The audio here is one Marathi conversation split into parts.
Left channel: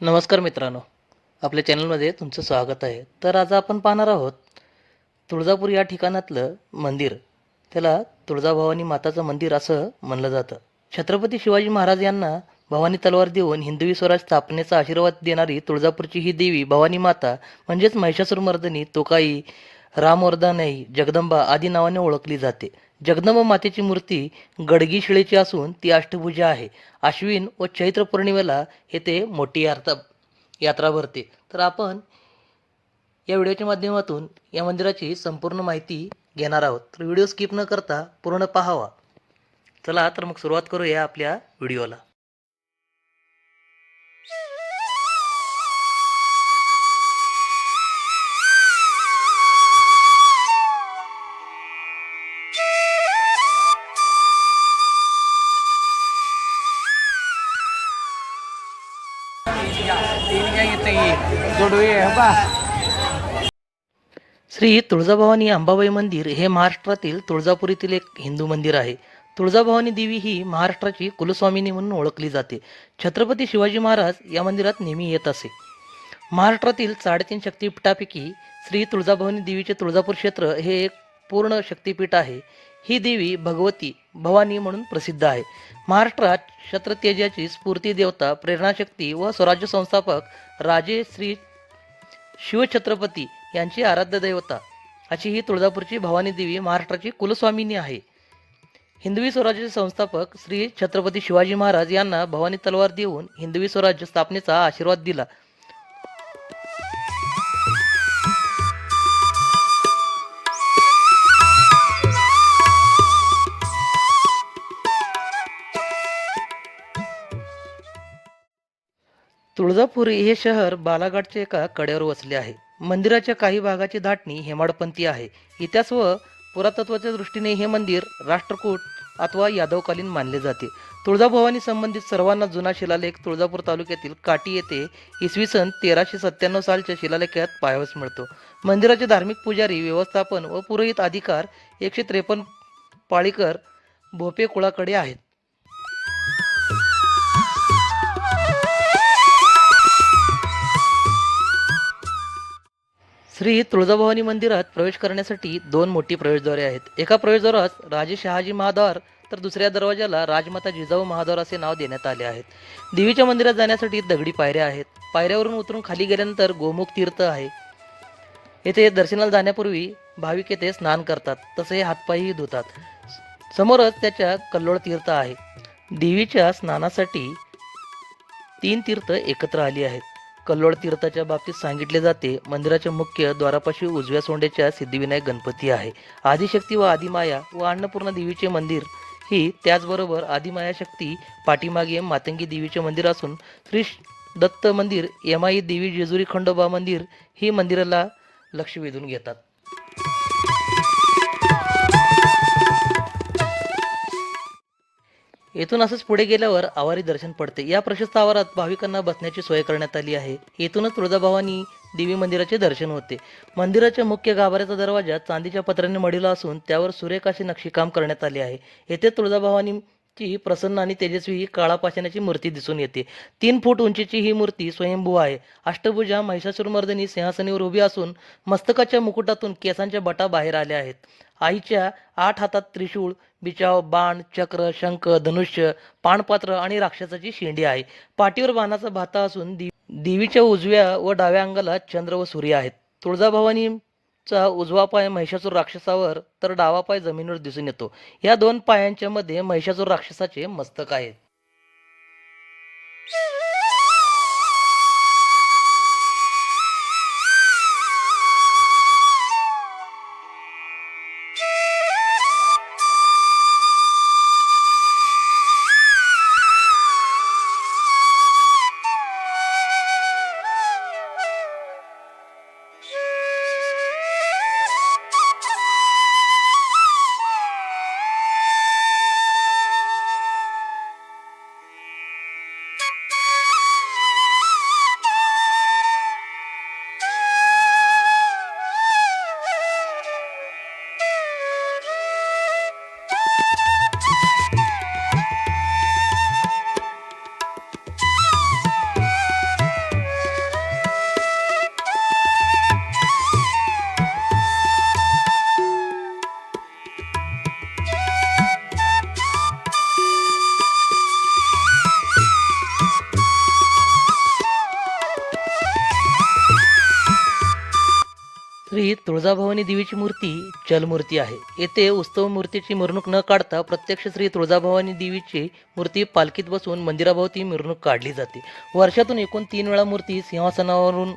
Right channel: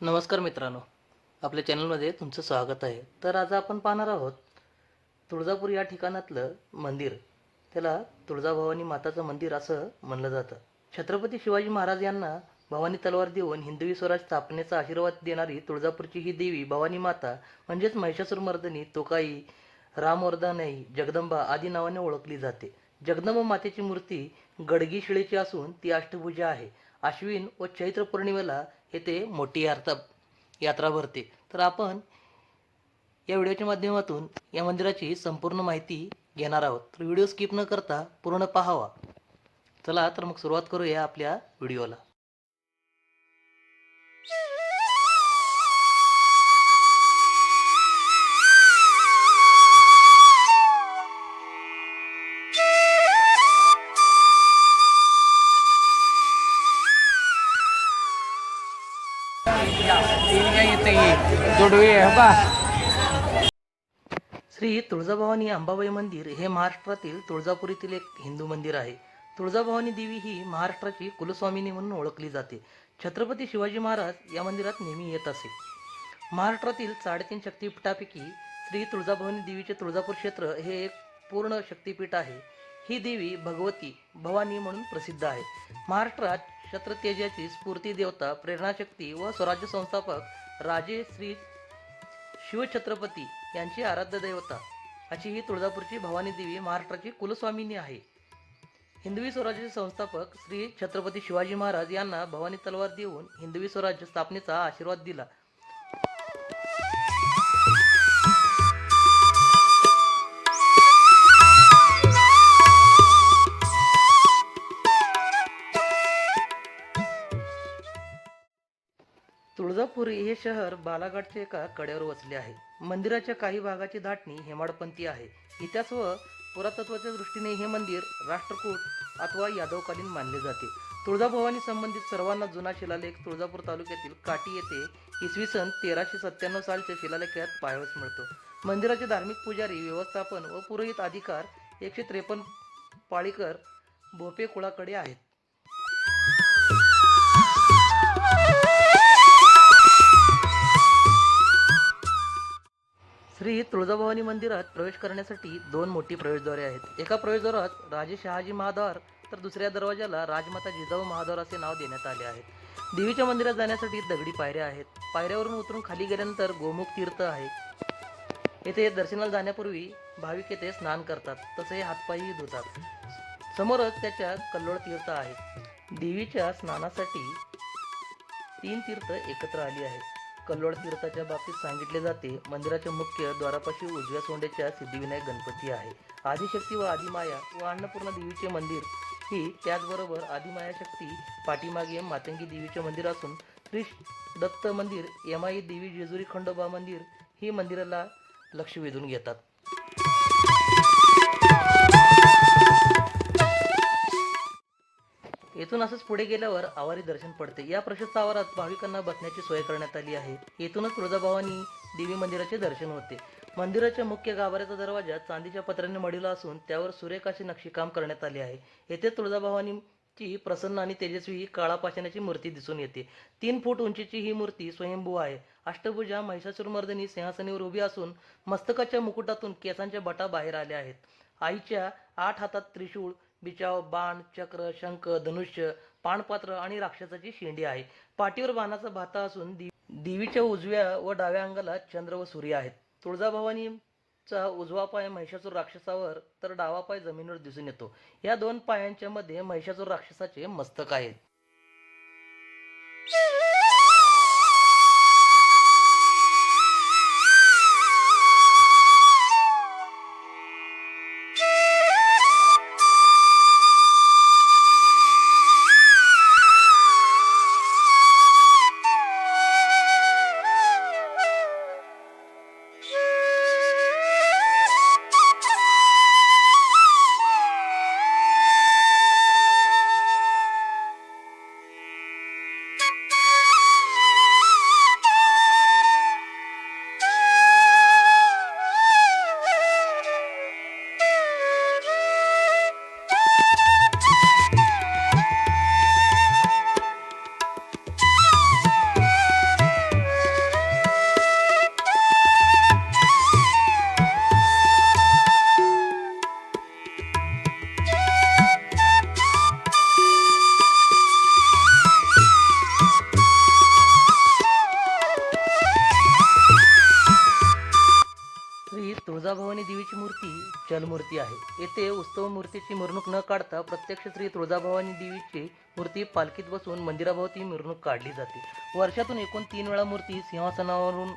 नमस्कार मित्रांनो, आपल्या चॅनलमध्ये तुमचं स्वागत आहे. तर आज आपण पाहणार आहोत तुळजापूर या ठिकाणातलं मंदिर. त्याला तुळजाभवानी माताचं मंदिर असं म्हणलं जातं. छत्रपती शिवाजी महाराज यांना भवानी तलवार देऊन हिंदवी स्वराज स्थापनेचा आशीर्वाद देणारी तुळजापूरची ही देवी भवानी माता म्हणजेच महिषासुरमर्दिनी, तोकाई, रामवर्धानाई, जगदंबा आदी नावाने ओळखली जाते. जगदंबा मातेची मूर्ती गडगी शिळेची असून ती अष्टभुजा आहे. आश्विन व चैत्र पौर्णिमेला येथे मोठी यात्रा भरते. तर आपण या व्हिडिओच्या माध्यमातून या मंदिराची संपूर्ण माहिती घेणार आहोत. तर व्हिडिओ स्किप न करता पूर्ण पाहावा. चला तर मग सुरुवात करूया आपल्या व्हिडिओला. श्री तुळजाभवानी अंबाबाई मंदिर हे महाराष्ट्रातील तुळजापूर येथील एक हिंदू मंदिर आहे. तुळजाभवानी देवी ही महाराष्ट्राची कुलस्वामिनी म्हणून ओळखली जाते. छत्रपती शिवाजी महाराज या मंदिरात नेहमी येत असे. महाराष्ट्रातील 3.5 शक्तिपीठापैकी श्री तुळजाभवानी देवीचे तुळजापूर क्षेत्र हे एक पूर्ण शक्तिपीठ आहे. ही देवी भगवती भवानी म्हणून प्रसिद्ध आहे. महाराष्ट्रात क्षत्रतेजाची स्फूर्ती देवता, प्रेरणाशक्ती व स्वराज्य संस्थापक राजे श्री शिवछत्रपती यांची आराध्य देवता अशी ही तुळजापूरची भवानी देवी महाराष्ट्राची कुलस्वामिनी आहे. हिंदवी स्वराज्याचे संस्थापक श्री छत्रपती शिवाजी महाराज यांना भवानी तलवार देऊन हिंदवी स्वराज्य स्थापनेचा आशीर्वाद दिला. तुळजापूर हे शहर बालाघाटच्या एका कड्यावर वसले आहे. मंदिराच्या काही भागाची धाटणी हेमाडपंथी आहे. इतिहास व पुरातत्वाच्या दृष्टीने हे मंदिर राष्ट्रकूट अथवा यादवकालीन मानले जाते. तुळजाभवानी संबंधित सर्वांना जुना शिलालेख तुळजापूर तालुक्यातील काटी येथे इसवी सन 1397 सालच्या शिलालेखात पाहावयास मिळतो. मंदिराचे धार्मिक पुजारी, व्यवस्थापन व पुरोहित अधिकार 153 पाळीकर भोपे कुळाकडे आहेत. श्री तुळजाभवानी मंदिरात प्रवेश करण्यासाठी 2 मोठी प्रवेशद्वारे आहेत. एका प्रवेशद्वारास राजे शहाजी महाद्वार तर दुसऱ्या दरवाजाला राजमाता जिजाऊ महाद्वार असे नाव देण्यात आले आहेत. देवीच्या मंदिरात जाण्यासाठी दगडी पायऱ्या आहेत. पायऱ्यावरून उतरून खाली गेल्यानंतर गोमुख तीर्थ आहे. येथे दर्शनाला जाण्यापूर्वी भाविक येथे स्नान करतात, तसे हातपायही धुतात. समोरच त्याच्या कल्लोळ तीर्थ आहे. देवीच्या स्नानासाठी 3 तीर्थ एकत्र आली आहेत. कल्लोळ तीर्थाच्या बाबतीत सांगितले जाते, मंदिराच्या मुख्य द्वारापाशी उजव्या सोंड्याच्या सिद्धिविनायक गणपती आहे. आदिशक्ती व आदिमाया व अन्नपूर्णा देवीचे मंदिर ही, त्याचबरोबर आदिमाया शक्ती पाठीमागे मातंगी देवीचे मंदिर असून श्री दत्त मंदिर, यमाई देवी जेजुरी खंडोबा मंदिर ही मंदिराला लक्ष वेधून घेतात. येथून असंच पुढे गेल्यावर आवारी दर्शन पडते. या प्रशस्त आवारात भाविकांना बसण्याची सोय करण्यात आली आहे. येथूनच तुळजाभवानी देवी मंदिराचे दर्शन होते. मंदिराच्या मुख्य गाभाऱ्याचा दरवाजा चांदीच्या पत्र्याने मढिला असून त्यावर सुरेख असे नक्षीकाम करण्यात आले आहे. येथे तुळजाभवानीची प्रसन्न आणि तेजस्वी काळा पाषाणाची मूर्ती दिसून येते. 3 फूट उंचीची ही मूर्ती स्वयंभू आहे. अष्टभुजा महिषासुरमर्दिनी सिंहासनावर उभी असून मस्तकाच्या मुकुटातून केसांच्या बटा बाहेर आल्या आहेत. आईच्या 8 हातात त्रिशूळ, बिचाव, बाण, चक्र, शंख, धनुष्य, पाणपात्र आणि राक्षसाची शेंडी आहे. पाठीवर बाणाचा भाता असून देवीच्या उजव्या व डाव्या अंगाला चंद्र व सूर्य आहेत. तुळजाभवानीचा उजवा पाय महिषासूर राक्षसावर तर डावा पाय जमिनीवर दिसून येतो. या 2 पायांच्या मध्ये महिषासूर राक्षसाचे मस्तक आहे. श्री तुळजाभवानी देवीची मूर्ती चलमूर्ती आहे. येथे उत्सव मूर्तीची मिरवणूक न काढता प्रत्यक्ष श्री तुळजाभवानी देवीची मूर्ती पालखीत बसून मंदिराभोवती मिरवणूक काढली जाते. वर्षातून एकूण 3 वेळा मूर्ती सिंहासनावरून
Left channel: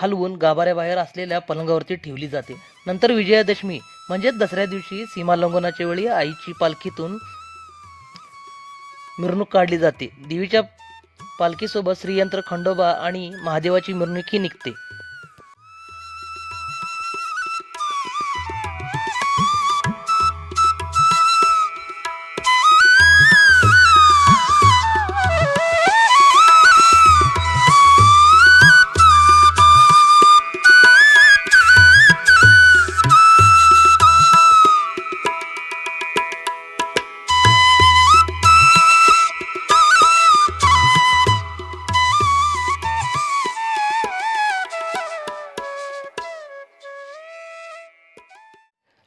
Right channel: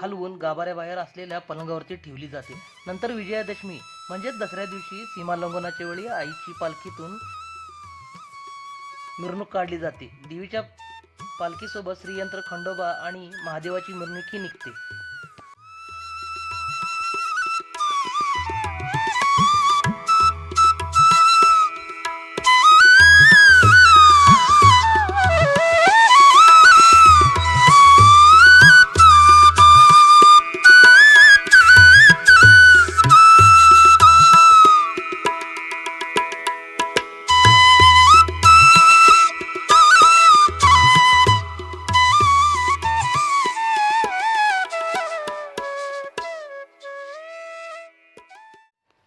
हलवून गाभाऱ्याबाहेर असलेल्या पलंगावरती ठेवली जाते. नंतर विजयादशमी म्हणजेच दसऱ्या दिवशी सीमालंघनाच्या वेळी आईची पालखीतून मिरवणूक काढली जाते. देवीच्या पालखीसोबत श्रीयंत्र खंडोबा आणि महादेवाची मिरवणूकही निघते.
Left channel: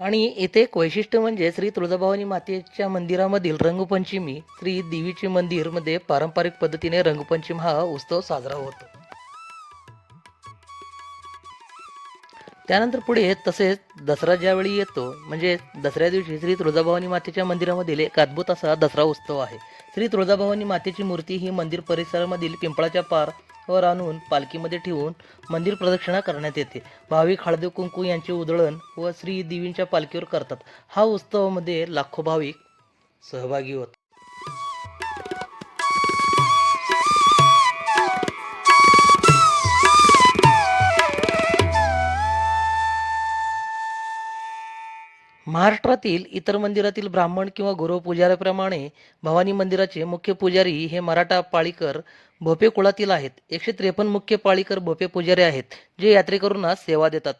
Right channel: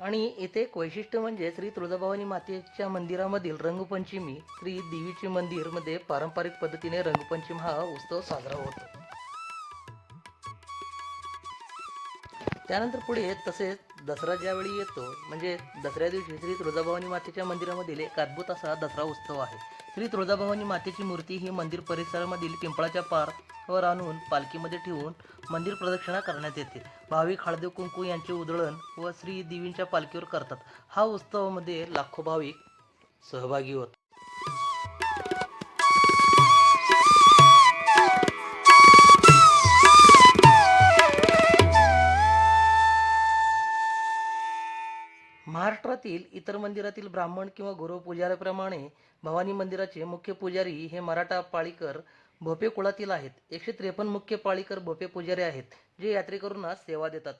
आणि येथे एक वैशिष्ट्य म्हणजे श्री तुळजाभवानी मातेच्या मंदिरामधील रंगपंचमी. श्री देवीचे मंदिरमध्ये पारंपरिक पद्धतीने रंगपंचमी हा उत्सव साजरा होतो. त्यानंतर पुढे तसेच दसरा ज्यावेळी येतो म्हणजे दसऱ्या दिवशी श्री तुळजाभवानी मातेच्या मंदिरामधील एक अद्भुत असा दसरा उत्सव आहे. श्री तुळजाभवानी मातेची मूर्ती ही मंदिर परिसरामधील पिंपळाच्या पारावर आणून पालखीमध्ये ठेवून मंदिर प्रदक्षिणा करण्यात येते. भाविक हळदी कुंकू यांचे उधळण व श्री देवींच्या पालखीवर करतात. हा उत्सवामध्ये लाखो भाविक सहभागी होतात. महाराष्ट्रातील इतर मंदिरातील ब्राह्मण किंवा गुरव पुजाऱ्याप्रमाणे भवानी मंदिराचे मुख्य पुजारी हे मराठा पाळीकर भोपे कुळातील आहेत. 153 मुख्य पाळीकर भोपे पुजारी आहेत, जे यात्रेकरूंना सेवा देतात.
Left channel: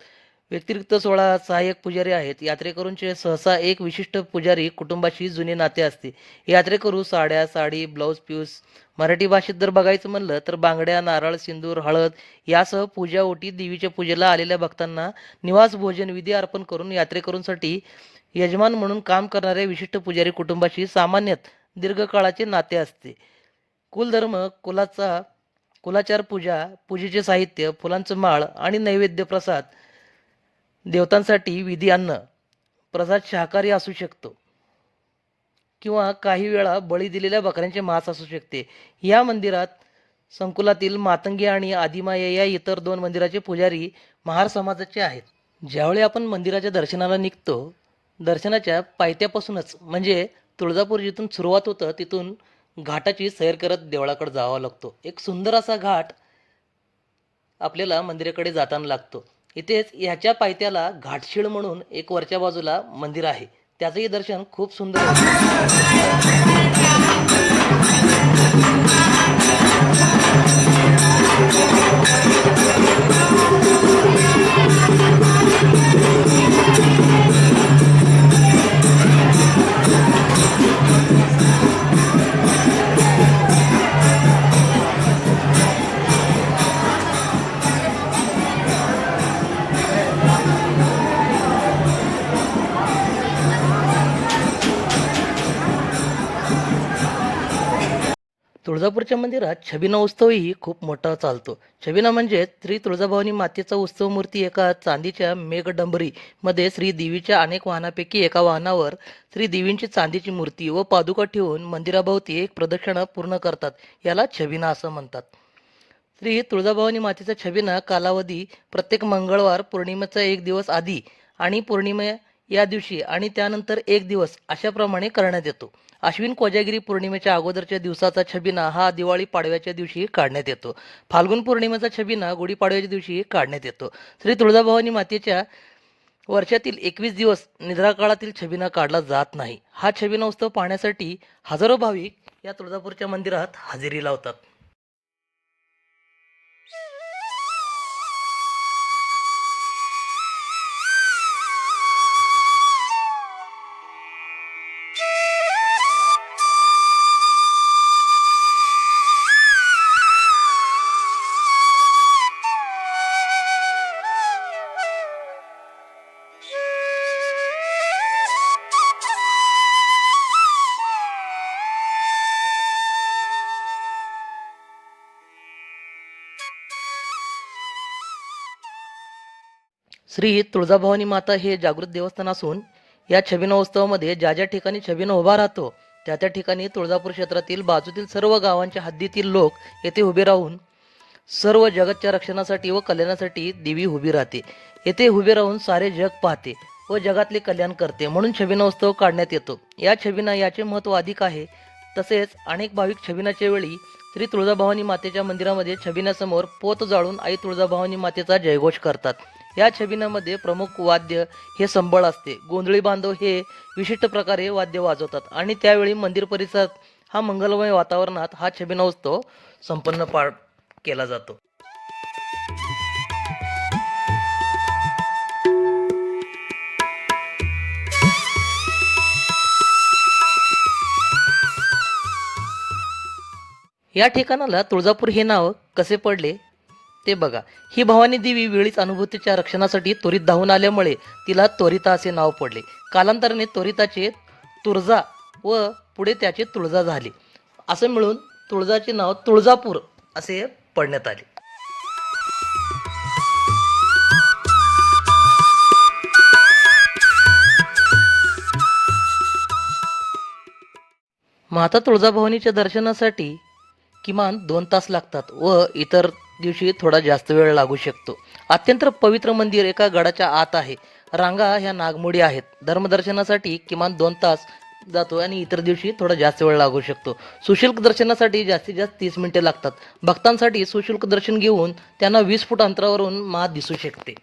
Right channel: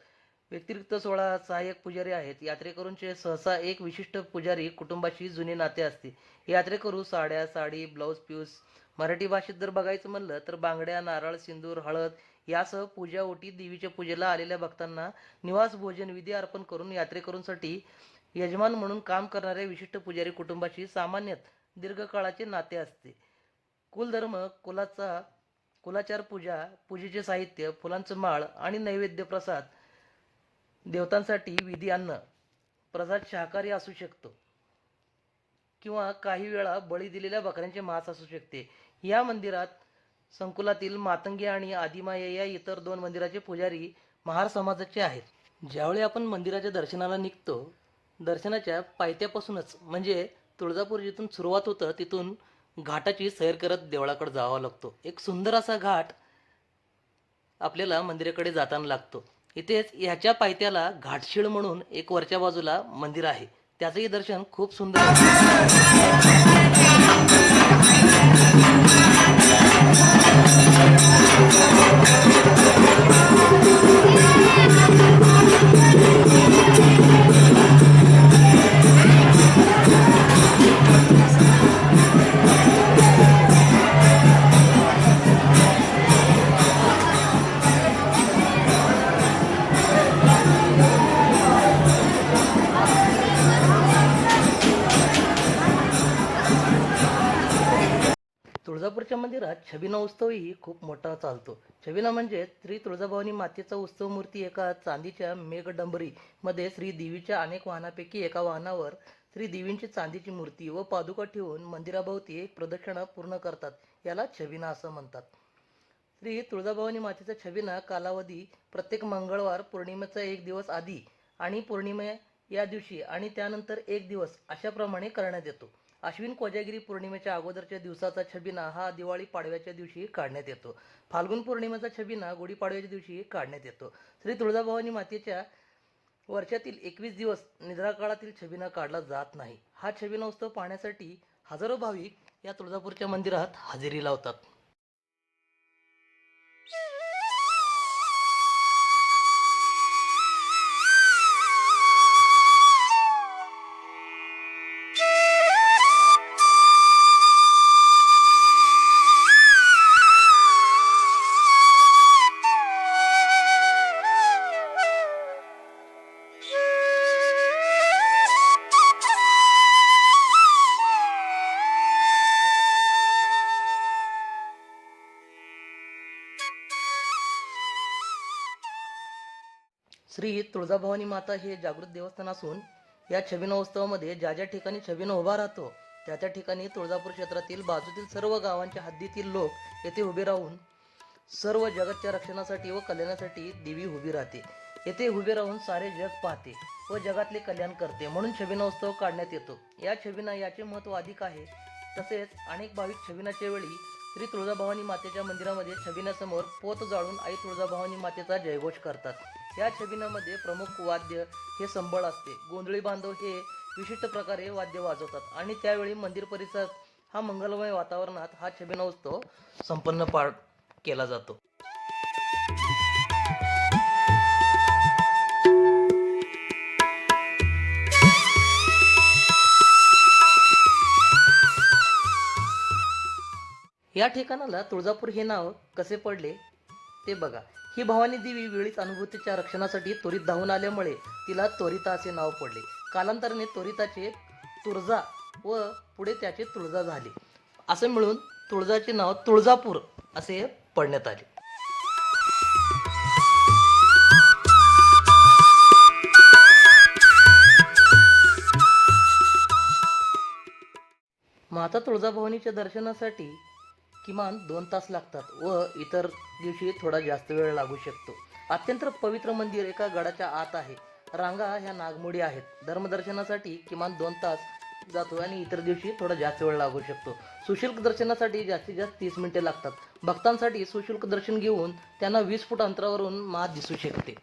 व्यतिरिक्त 16 सहाय्यक पुजारी आहेत. यात्रेकरूंचे सहसा एक विशिष्ट पुजारी कुटुंबाशी जुने नाते असते. यात्रेकरू साड्या, साडी, ब्लाऊज पीस, मराठी भाषेत जर बघायचं म्हणलं तर बांगड्या, नारळ, सिंदूर, हळद यासह पूजा ओटी देवीच्या पूजेला आलेल्या भक्तांना निवास भोजन विधी अर्पण करून यात्रेकरूंसाठी यजमान म्हणून काम करणाऱ्या विशिष्ट पुजारी कुटुंबाशी सामान्यत दीर्घकाळाचे नाते असते. कुलधर्म, कुलाचार, पूजा, पूजेचे साहित्य, फुलांचं माळ आणि नैवेद्य प्रसाद, देवतांसाठी विधी अन्न प्रसाद शाकाहारी असू शकतो किंवा काही वेळा बळी दिलेल्या बकऱ्यांचे मांस असू शकते. या मंदिरात संकुलातील मातंगी आणि आदिमाया या इतर 2 मंदिराचे पुजारी महार समाजाचे आहेत. ज्यावेळी आपण मंदिराच्या दर्शनाला निघतो, दर्शनाच्या पायथ्यापासूनच म्हणजे तुळजापूर जिथून सुरुवात होतं तिथून घाटाची सैर करत देवळाकडे जावा लागतो. एक सुंदर असा घाट आपल्याला मंदिराकडे जाताना लागतो. इथेच ह्याच्या पायथ्याला घाटशीळ म्हणून एक वरच्या बाजूला मंदिर आहे. त्याचंही दर्शन खूप सुंदर होतं. तुळजापूरच्या मंदिरात छबिना उत्सवही खूप मोठा चालतो. छबिना म्हणजे श्री तुळजाभवानी मातेचा उत्सव मूर्ती एका चांदीच्या मेघडंबरीमध्ये श्री देवीच्या अनेक वाहनांपैकी एका वाहनावर श्री देवींची चांदीची मूर्ती व पादुका ठेवून मंदिराभोवती एक प्रदक्षिणा पूर्ण करतात. याला छबिना असं म्हणतात. श्री तुळजाभवानी मातेचा छबिना कालावधी प्रत्येक मंगळवार पौर्णिमेचा 1 दिवस आधी आणि पौर्णिमे या दिवशी आणि त्यानंतर 1 दिवस अशाप्रमाणे करण्यात येतो. आश्विन कोजागिरी पौर्णिमेच्या अगोदरच्या दिवसाचा छबिना हा दिवाळी पाडव्याच्या दिवशी काढण्यात येतो. फाल्गुन पौर्णिमेचा छबिना गुढीपाडव्याच्या दिवशी काढण्यात येतो. श्री तुळजाभवानी मातेच्या वर्षातील 21 दिवस निद्राकाळातील छबिना काढला जात नाही. हा छबिना उत्सव पाहण्यासाठी हजारो भाविक या तुळजापूरच्या मंदिरात हजेरी लावतात. श्री तुळजाभवानी माता हे जागृत देवस्थान असून या छबिना उत्सवामध्ये ज्या ज्या ठिकाणी छबिना उभा राहतो त्या त्या ठिकाणी तुळजापूर क्षेत्रातील बाजूतील सर्व गावांच्या हद्दीतील लोक येथे उभे राहून सर्व जगतच्या रक्षणासाठी व कल्याणासाठी देवी उभी राहते. येथे उभे राहून सारे जग पाहते व जगातले कल्याण करते, म्हणून छबिना उत्सव काढण्यात येतो. या छबिना याचे महत्त्व अधिक आहे. तसेच अनेक भाविक छबिनाच्या वेळी श्री तुळजाभवानी मातेच्या मंदिरामध्ये छबिन्यासमोर पोत जाळून आई तुळजाभवानी मातेचा जयघोष करतात. या छबिनामध्ये प्रमुख वाद्य हे संबळ असते. गोंधळी बांधव हे विशिष्ट प्रकारे वाद्य वाजवतात आणि त्यावेळी मंदिर परिसरात हा मंगलमय वातावरणात हा छबिना उत्सव संपन्न केला जातो. या ठिकाणाला तुळजापूर हे नाव कसे पडले ते बघा. ही भवानी देवी वेळीच अनुभूतीच्या रक्षणासाठी त्वरित धावून आल्यामुळे तिला त्वरिता असे नाव पडले. कालांतराने त्वरिताचे तुळजा व पुढे त्याचे तुळजा झाले. असे मिळून तुळजाचे नाव तुळजापूर असे पडण्यात आले. माता तुळजाभवानीच्या दर्शनासाठी किमान 2 तास लागतात व इतर दिवशी थोडा जास्त वेळ लागू शकतो. अत्यंत पवित्र मंदिर एका गडाच्या आत आहे. रांगा ह्या नागमोडी आहेत. धर्मदर्शनासाठी किमान 2 तास जातो आणि इतर दिवशी थोडा जास्त वेळ लागू शकतो. सुशुल्क दर्शनासाठी जास्तीत जास्त 30 मिनिटे लागतात. भक्तांसाठी सुशुल्क दर्शन घेऊन त्यांना 20 फूट अंतरावरून माँ दिसू शकते.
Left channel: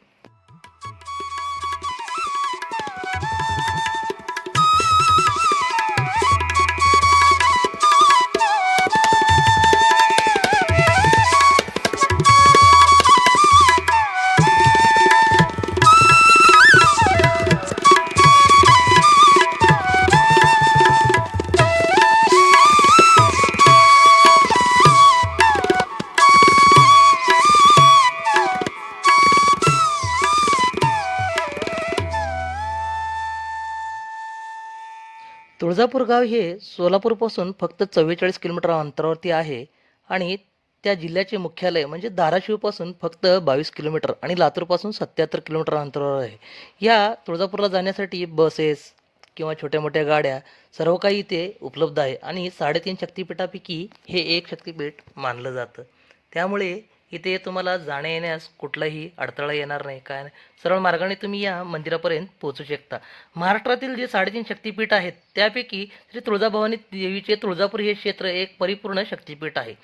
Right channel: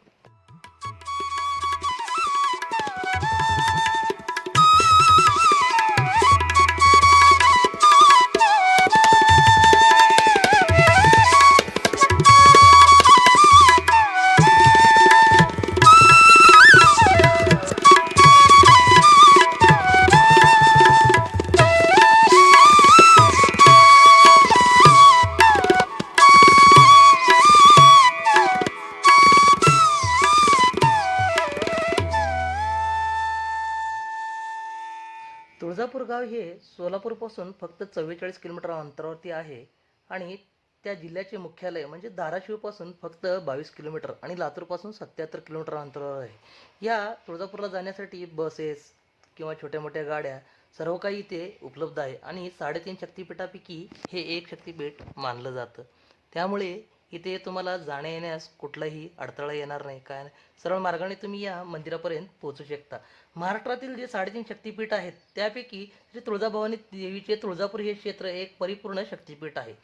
तुळजापूर गाव हे सोलापूरपासून फक्त 44 किलोमीटर अंतरावरती आहे आणि त्या जिल्ह्याचे मुख्यालय म्हणजे धाराशिवपासून फक्त 22 किलोमीटर आणि लातूरपासून 77 किलोमीटर अंतरावर आहे. या तुळजापूरला जाण्यासाठी बसेस किंवा छोट्या मोठ्या गाड्या सर्व काही इथे उपलब्ध आहे आणि 3.5 शक्तिपीठापैकी हे एक शक्तिपीठ मानलं जातं. त्यामुळे इथे तुम्हाला जाण्या येण्यास कुठलाही अडथळा येणार नाही, काय नाही. सरळ मार्गाने तुम्ही या मंदिरापर्यंत पोहोचू शकता. महाराष्ट्रातील जे 3.5 शक्तिपीठ आहेत त्यापैकी श्री तुळजाभवानी देवीचे तुळजापूर हे क्षेत्र एक परिपूर्ण शक्तिपीठ आहे.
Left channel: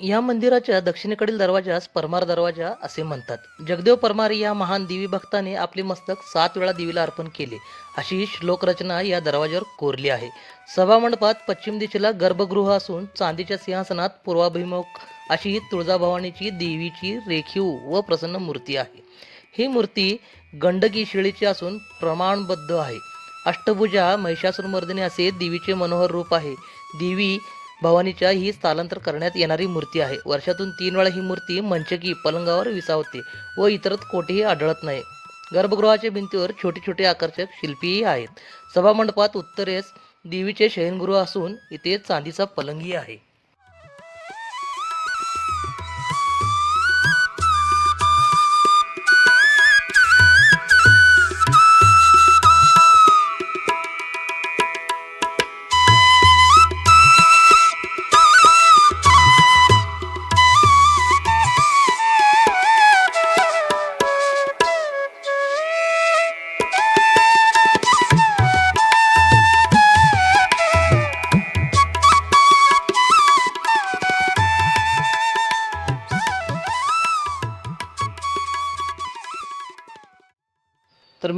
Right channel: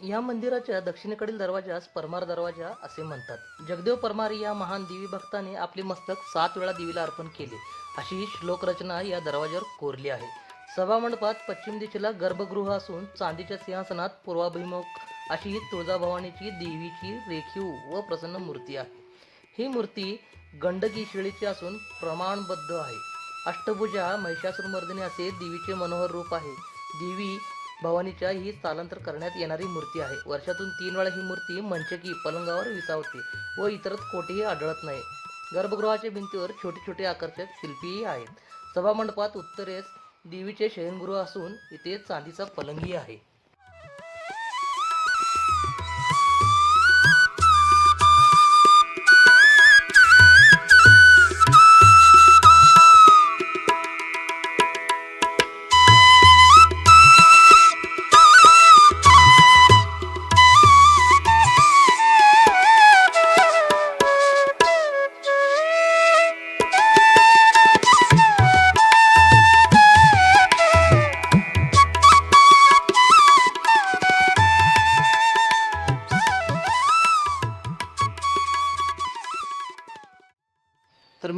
या मंदिराच्या दक्षिणेकडील दरवाजास परमार दरवाजा असे म्हणतात. जगदेव परमार या महान देवी भक्ताने आपले मस्तक 7 वेळा देवीला अर्पण केले अशी श्लोकरचना या दरवाजावर कोरली आहे. सभामंडपात पश्चिम दिशेला गर्भगृह असून चांदीच्या सिंहासनात पूर्वाभिमुख अशी तुळजाभवानीची देवीची रेखीव व प्रसन्न मूर्ती आहे. ही मूर्ती गंडकी शिळेची असून प्रमाणबद्ध आहे. अष्टभुजा महिषासुरमर्दिनी असे देवीचे मनोहर रूप आहे. देवी भवानीच्या ही स्थलांतर करण्यात येणारी मूर्ती आहे. वर्षातून 3 वेळा ही मूर्ती मंचकी पलंगावर विसावते व इतरत कोठेही आढळत नाही. गर्भगृहाच्या भिंतीवर छोटे छोटे आकर्षक शिल्पीही आहेत. सभामंडपात उत्तरेस देवीचे शयनगृह असून इथे चांदीचा पलंगही आहे.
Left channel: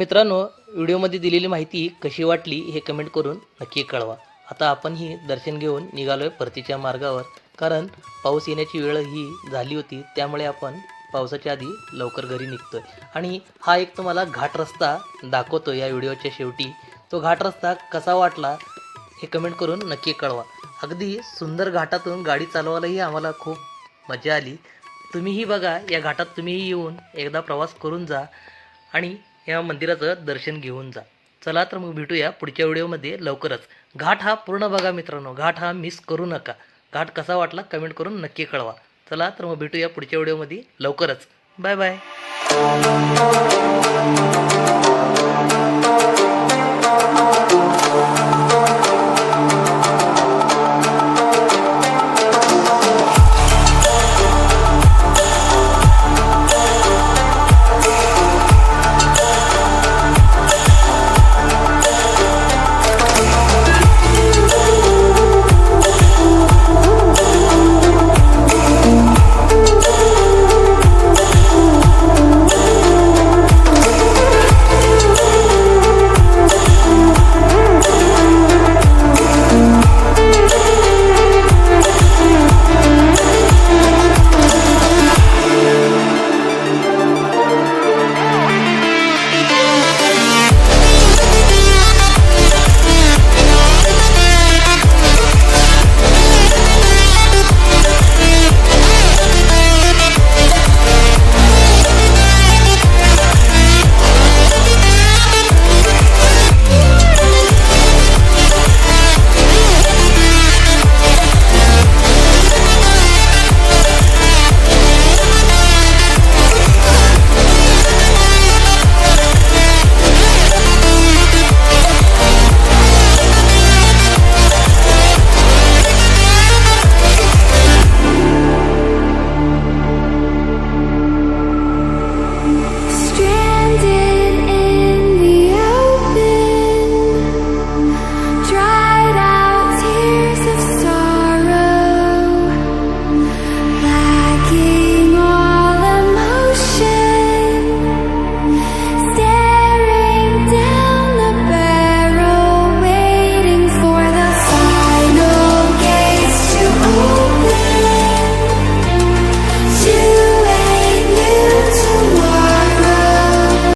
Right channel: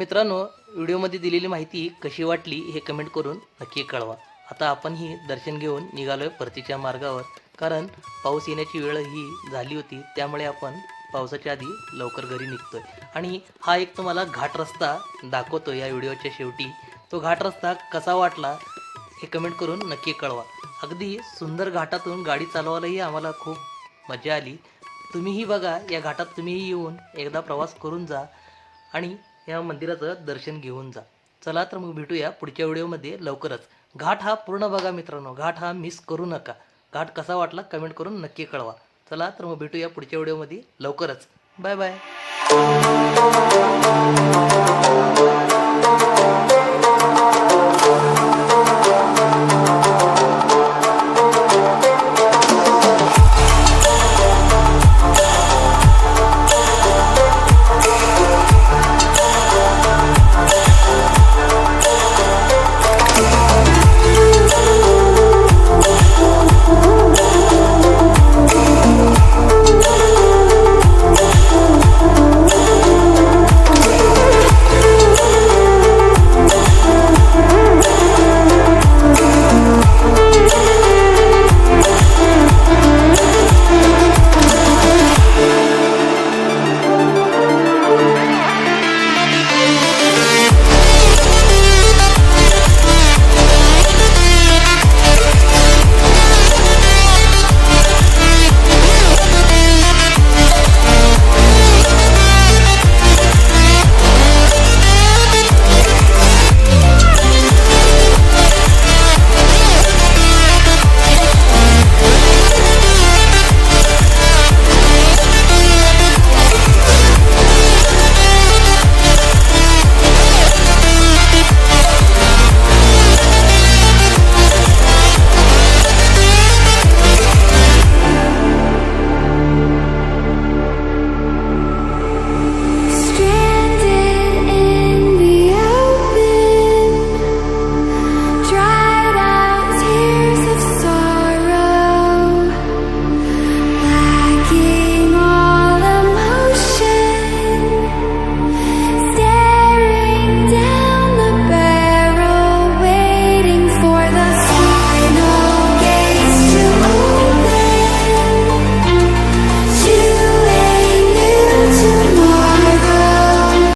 मित्रांनो, व्हिडिओमध्ये दिलेली माहिती कशी वाटली हे कमेंट करून नक्की कळवा. आता आपणही दर्शन घेऊन निघालोय परतीच्या मार्गावर, कारण पाऊस येण्याची वेळ ही झाली होती. त्यामुळे आपण पावसाच्या आधी लवकर घरी निघतोय. आणि हा एक तुम्हाला घाट रस्ता दाखवतो या व्हिडिओच्या शेवटी. तो घाट रस्ता कसा वाटला हे कमेंट करून नक्की कळवा. अगदी सुंदर घाटातून गाडी चालवायलाही आम्हाला खूप मजा आली. तुम्हीही बघा, या घाटात तुम्हीही येऊन एकदा प्रवास करून जा आणि या मंदिराचं दर्शन घेऊन जा. चला तर मग भेटूया पुढच्या व्हिडिओमध्ये लवकरच. घाट हा पूर्ण बघा मित्रांनो, घाट हा मिस करू नका. घाट कसा वाटला कमेंट करून नक्की कळवा. चला तर मग भेटूया पुढच्या व्हिडिओमध्ये लवकरच. Bye bye.